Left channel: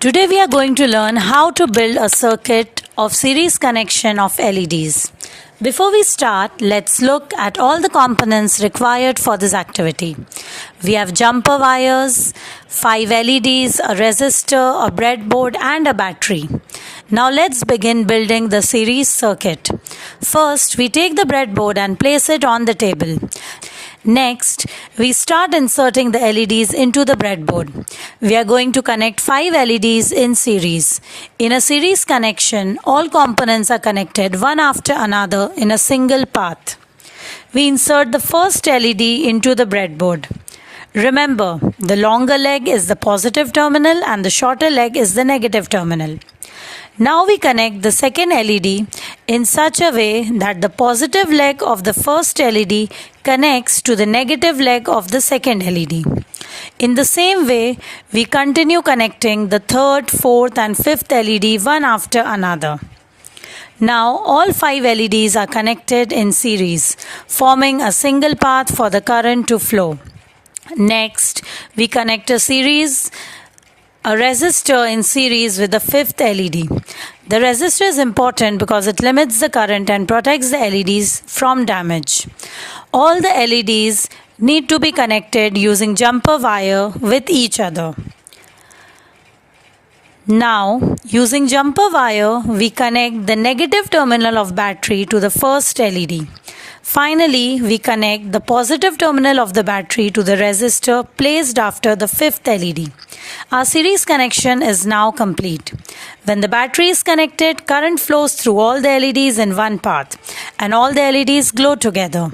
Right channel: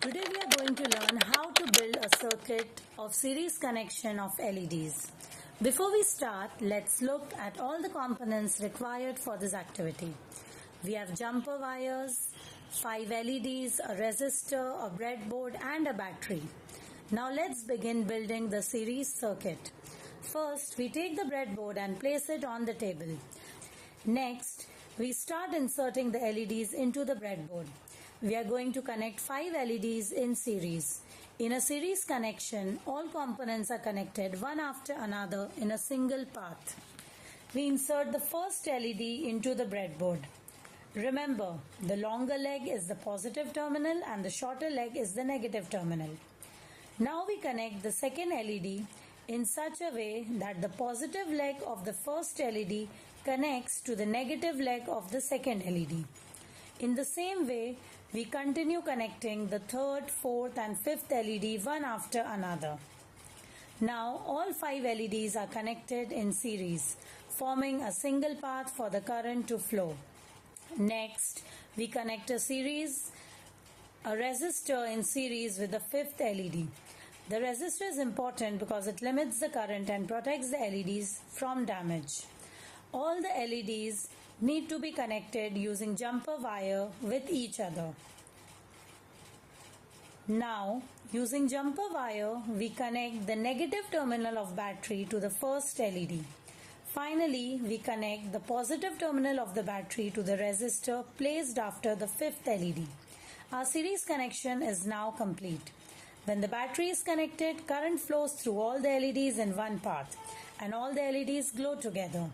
Today we are going to learn how to build a circuit of series connection of LEDs. Before we start, let's look at all the components required for this activity. We have jumper wires, 5 LEDs, a resistor, a breadboard and a battery. Now let's begin building the series circuit. First, we take the breadboard and place it on the table. Next, we start inserting the LEDs into the breadboard. We are going to connect 5 LEDs in series. In a series connection, all components are connected one after another in a single path. We insert the first LED into the breadboard. Remember, the longer leg is the positive terminal and the shorter leg is the negative terminal. Now we connect the second LED in such a way that the positive leg of the first LED connects to the negative leg of the second LED. In the same way, we continue connecting the third, fourth and fifth LED one after another. Now all 5 LEDs are connected in series, forming a single path for the current to flow. Next, we connect a resistor in series with the fifth LED. The resistor is important because it limits the current and protects the LEDs from damage. All the LEDs need to be connected using jumper wire with each other. Now, using jumper wire, we connect the negative terminal of battery to the first LED. Finally, we connect the positive terminal of the battery to the resistor placed after the fifth LED. Our series connection is now complete. When the battery is connected, current flows through all the LEDs in one path and all the LEDs glow together.